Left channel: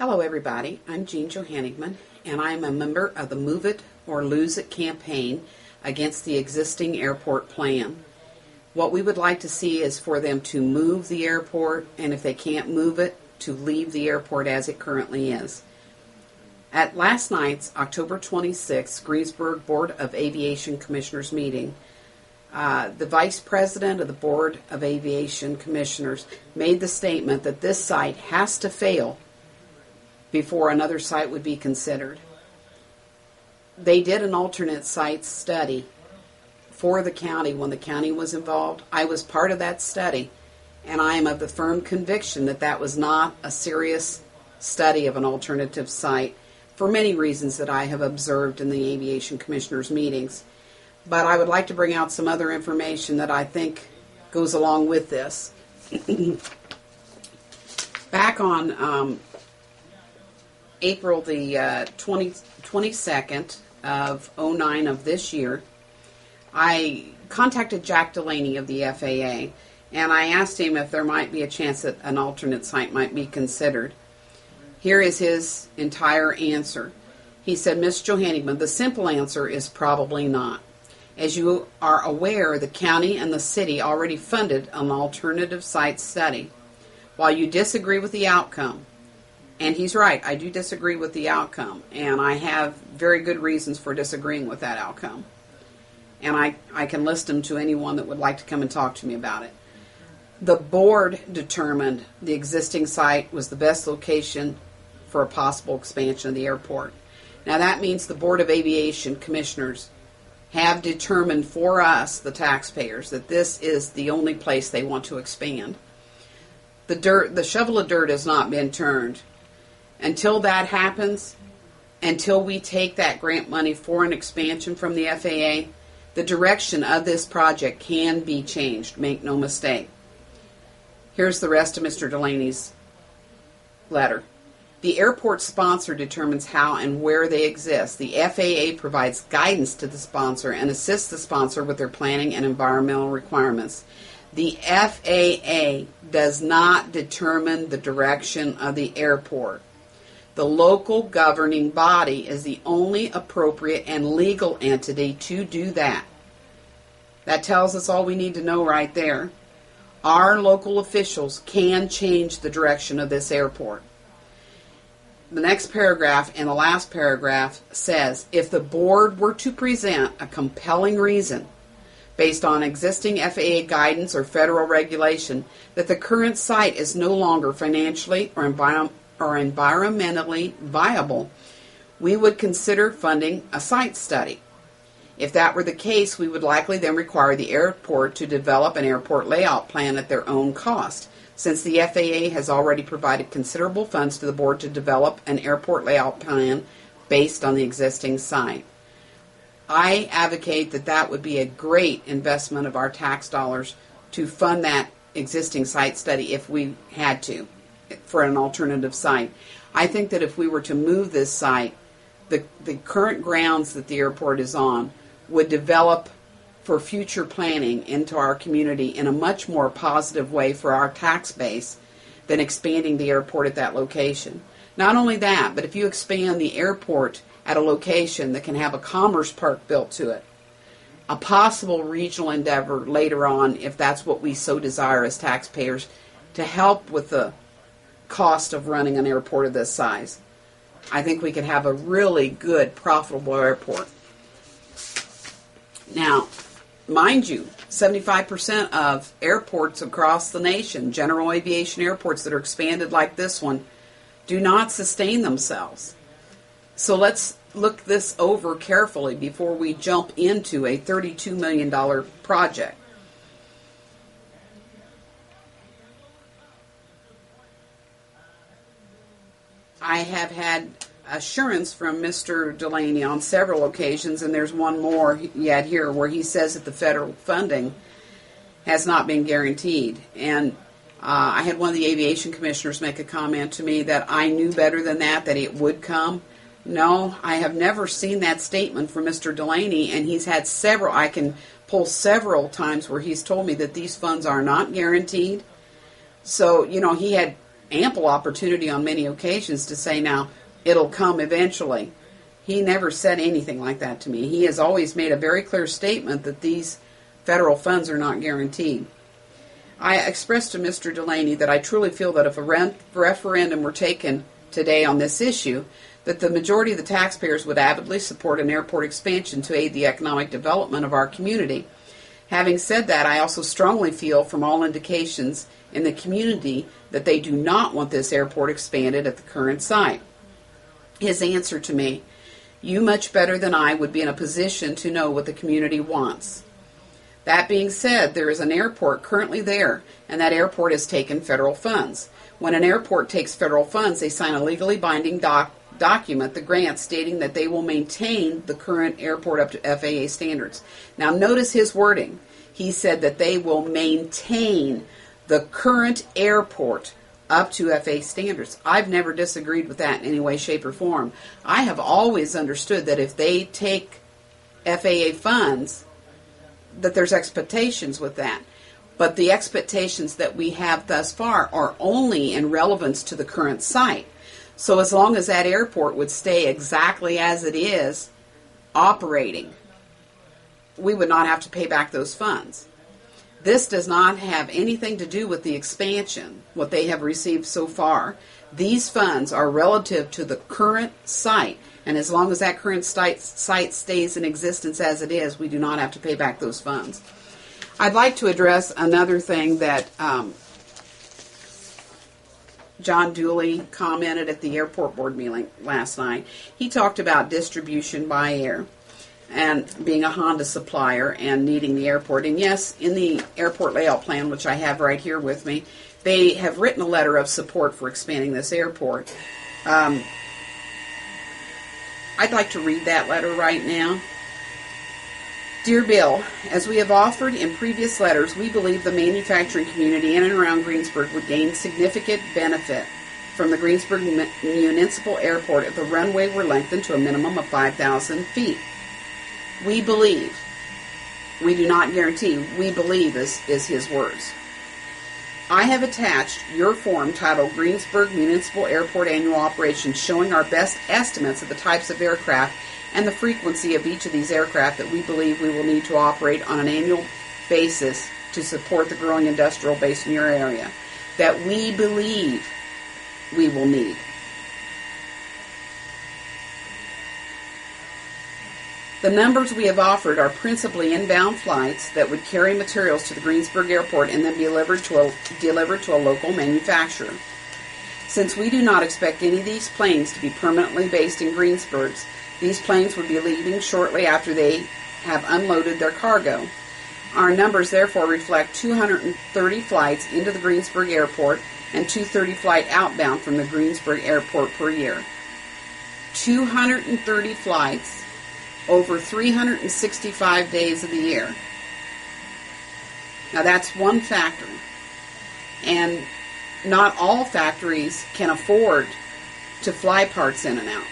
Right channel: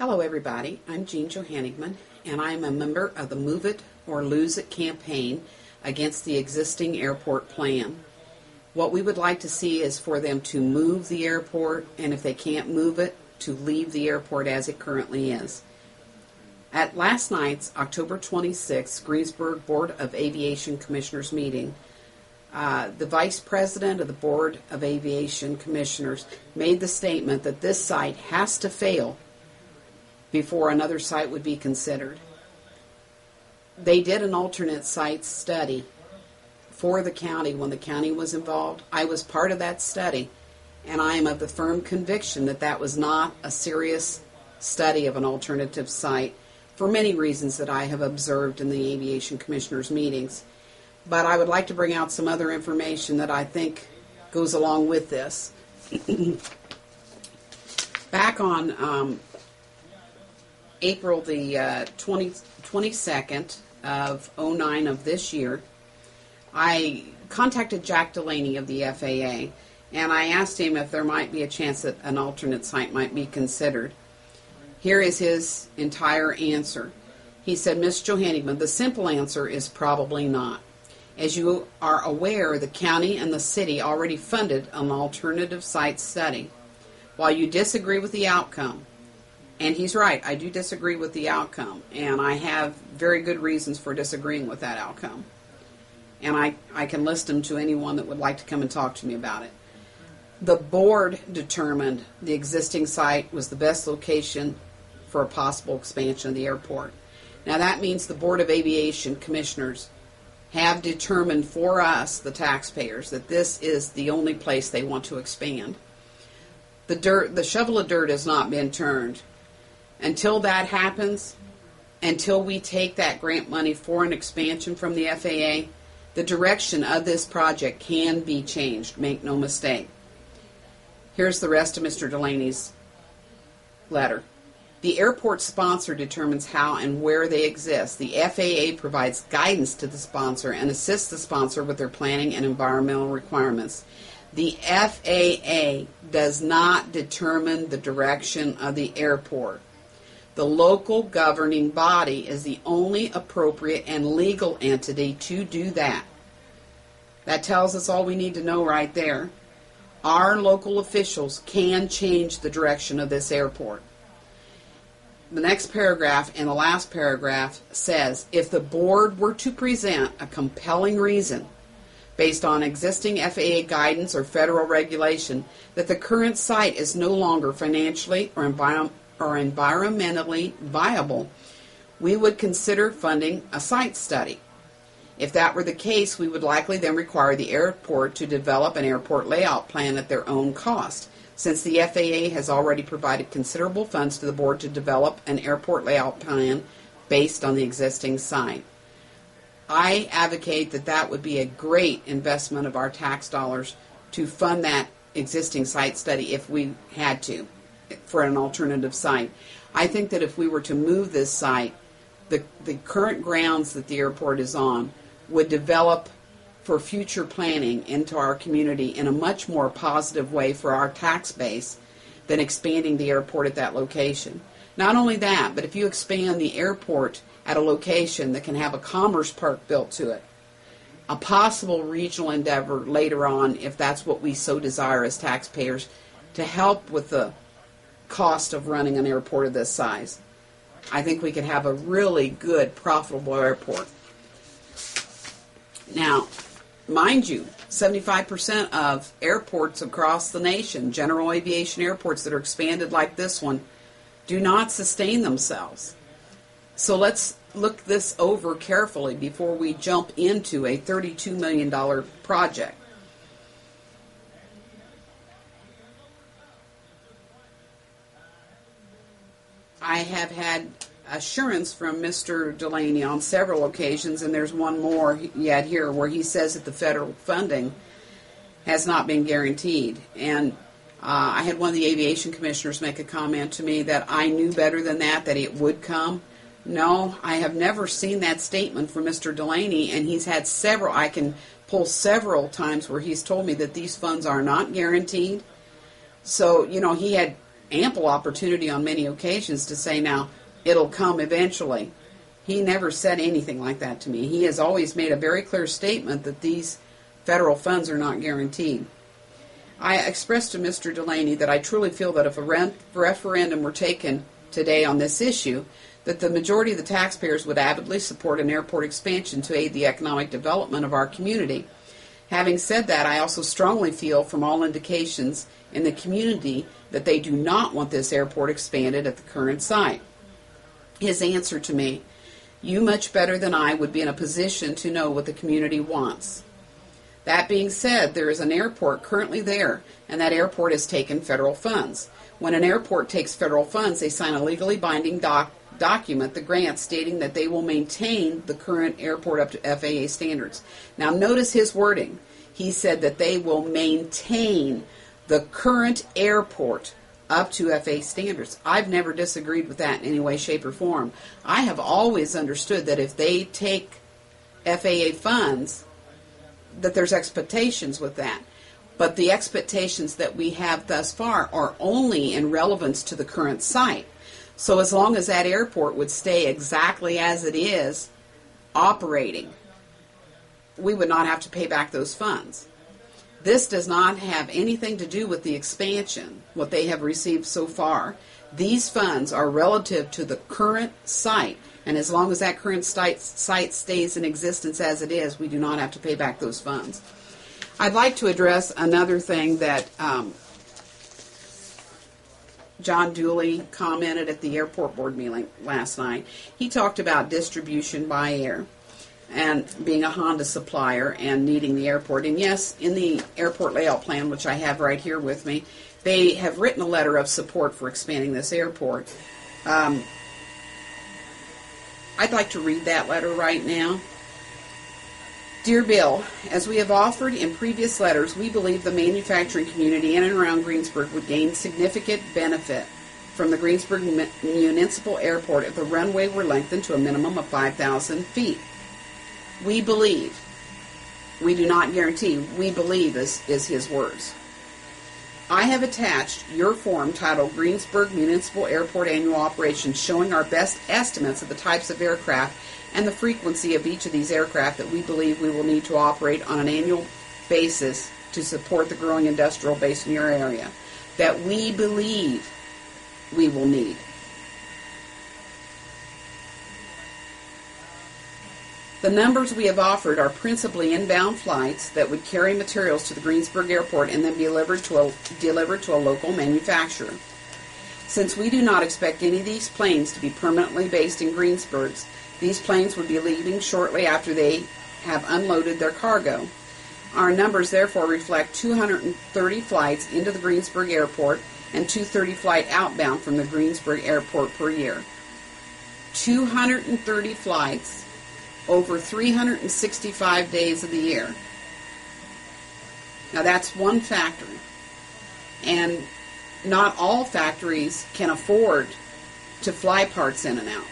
Hello everybody, I'm Jean Johannigman, and I'm a member of the Move It or Lose It campaign against the existing airport plan. What we would like to see is for them to move the airport, and if they can't move it, to leave the airport as it currently is. At last night's October 26th Greensburg Board of Aviation Commissioners meeting, the Vice President of the Board of Aviation Commissioners made the statement that this site has to fail before another site would be considered. They did an alternate site study for the county when the county was involved. I was part of that study, and I am of the firm conviction that that was not a serious study of an alternative site for many reasons that I have observed in the Aviation Commissioners meetings. But I would like to bring out some other information that I think goes along with this. Back on April the 22nd of 09 of this year, I contacted Jack Delaney of the FAA, and I asked him if there might be a chance that an alternate site might be considered. Here is his entire answer. He said, Ms. Johannigman, the simple answer is probably not. As you are aware, the county and the city already funded an alternative site study. While you disagree with the outcome, and he's right, I do disagree with the outcome, and I have very good reasons for disagreeing with that outcome. And I can list them to anyone that would like to come and talk to me about it. The board determined the existing site was the best location for a possible expansion of the airport. Now that means the Board of Aviation Commissioners have determined for us, the taxpayers, that this is the only place they want to expand. The shovel of dirt has not been turned. Until that happens, until we take that grant money for an expansion from the FAA, the direction of this project can be changed, make no mistake. Here's the rest of Mr. Delaney's letter. The airport sponsor determines how and where they exist. The FAA provides guidance to the sponsor and assists the sponsor with their planning and environmental requirements. The FAA does not determine the direction of the airport. The local governing body is the only appropriate and legal entity to do that. That tells us all we need to know right there. Our local officials can change the direction of this airport. The next paragraph and the last paragraph says, if the board were to present a compelling reason based on existing FAA guidance or federal regulation that the current site is no longer financially or environmentally viable, we would consider funding a site study. If that were the case, we would likely then require the airport to develop an airport layout plan at their own cost, since the FAA has already provided considerable funds to the board to develop an airport layout plan based on the existing site. I advocate that that would be a great investment of our tax dollars to fund that existing site study if we had to, for an alternative site. I think that if we were to move this site, the current grounds that the airport is on would develop for future planning into our community in a much more positive way for our tax base than expanding the airport at that location. Not only that, but if you expand the airport at a location that can have a commerce park built to it, a possible regional endeavor later on, if that's what we so desire as taxpayers, to help with the cost of running an airport of this size, I think we could have a really good, profitable airport. Now, mind you, 75% of airports across the nation, general aviation airports that are expanded like this one, do not sustain themselves. So let's look this over carefully before we jump into a $32 million project. I have had assurance from Mr. Delaney on several occasions, and there's one more yet here, where he says that the federal funding has not been guaranteed. And I had one of the aviation commissioners make a comment to me that I knew better than that it would come. No, I have never seen that statement from Mr. Delaney, and he's had several, I can pull several times where he's told me that these funds are not guaranteed. So, he had ample opportunity on many occasions to say, now, it'll come eventually. He never said anything like that to me. He has always made a very clear statement that these federal funds are not guaranteed. I expressed to Mr. Delaney that I truly feel that if a referendum were taken today on this issue, that the majority of the taxpayers would avidly support an airport expansion to aid the economic development of our community. Having said that, I also strongly feel from all indications in the community that they do not want this airport expanded at the current site. His answer to me, you much better than I would be in a position to know what the community wants. That being said, there is an airport currently there, and that airport has taken federal funds. When an airport takes federal funds, they sign a legally binding document, the grant, stating that they will maintain the current airport up to FAA standards. Now notice his wording. He said that they will maintain the current airport up to FAA standards. I've never disagreed with that in any way, shape, or form. I have always understood that if they take FAA funds, that there's expectations with that. But the expectations that we have thus far are only in relevance to the current site. So as long as that airport would stay exactly as it is operating, we would not have to pay back those funds. This does not have anything to do with the expansion, what they have received so far. These funds are relative to the current site, and as long as that current site stays in existence as it is, we do not have to pay back those funds. I'd like to address another thing that John Dooley commented at the airport board meeting last night. He talked about distribution by air and being a Honda supplier and needing the airport. And yes, in the airport layout plan, which I have right here with me, they have written a letter of support for expanding this airport. I'd like to read that letter right now. Dear Bill, as we have offered in previous letters, we believe the manufacturing community in and around Greensburg would gain significant benefit from the Greensburg Municipal Airport if the runway were lengthened to a minimum of 5,000 feet. We believe. We do not guarantee. We believe is his words. I have attached your form titled Greensburg Municipal Airport Annual Operations, showing our best estimates of the types of aircraft and the frequency of each of these aircraft that we believe we will need to operate on an annual basis to support the growing industrial base in your area, that we believe we will need. The numbers we have offered are principally inbound flights that would carry materials to the Greensburg Airport and then be delivered to a local manufacturer. Since we do not expect any of these planes to be permanently based in Greensburg, these planes would be leaving shortly after they have unloaded their cargo. Our numbers therefore reflect 230 flights into the Greensburg Airport and 230 flights outbound from the Greensburg Airport per year. 230 flights over 365 days of the year. Now that's one factory. And not all factories can afford to fly parts in and out.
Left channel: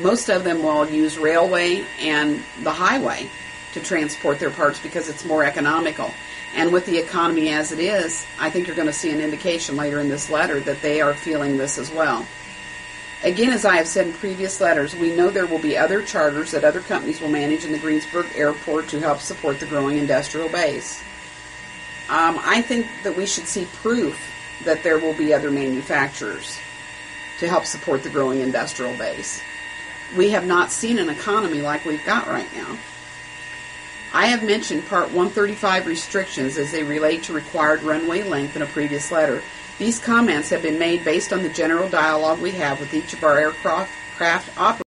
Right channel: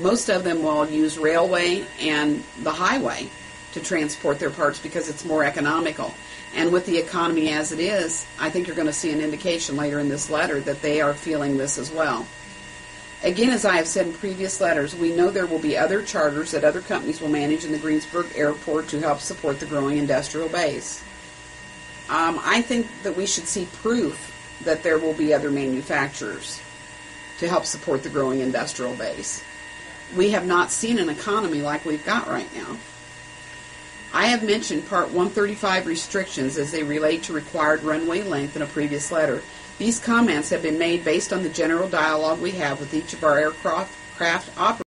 Most of them will use railway and the highway to transport their parts because it's more economical. And with the economy as it is, I think you're going to see an indication later in this letter that they are feeling this as well. Again, as I have said in previous letters, we know there will be other charters that other companies will manage in the Greensburg Airport to help support the growing industrial base. I think that we should see proof that there will be other manufacturers to help support the growing industrial base. We have not seen an economy like we've got right now. I have mentioned Part 135 restrictions as they relate to required runway length in a previous letter. These comments have been made based on the general dialogue we have with each of our aircraft operators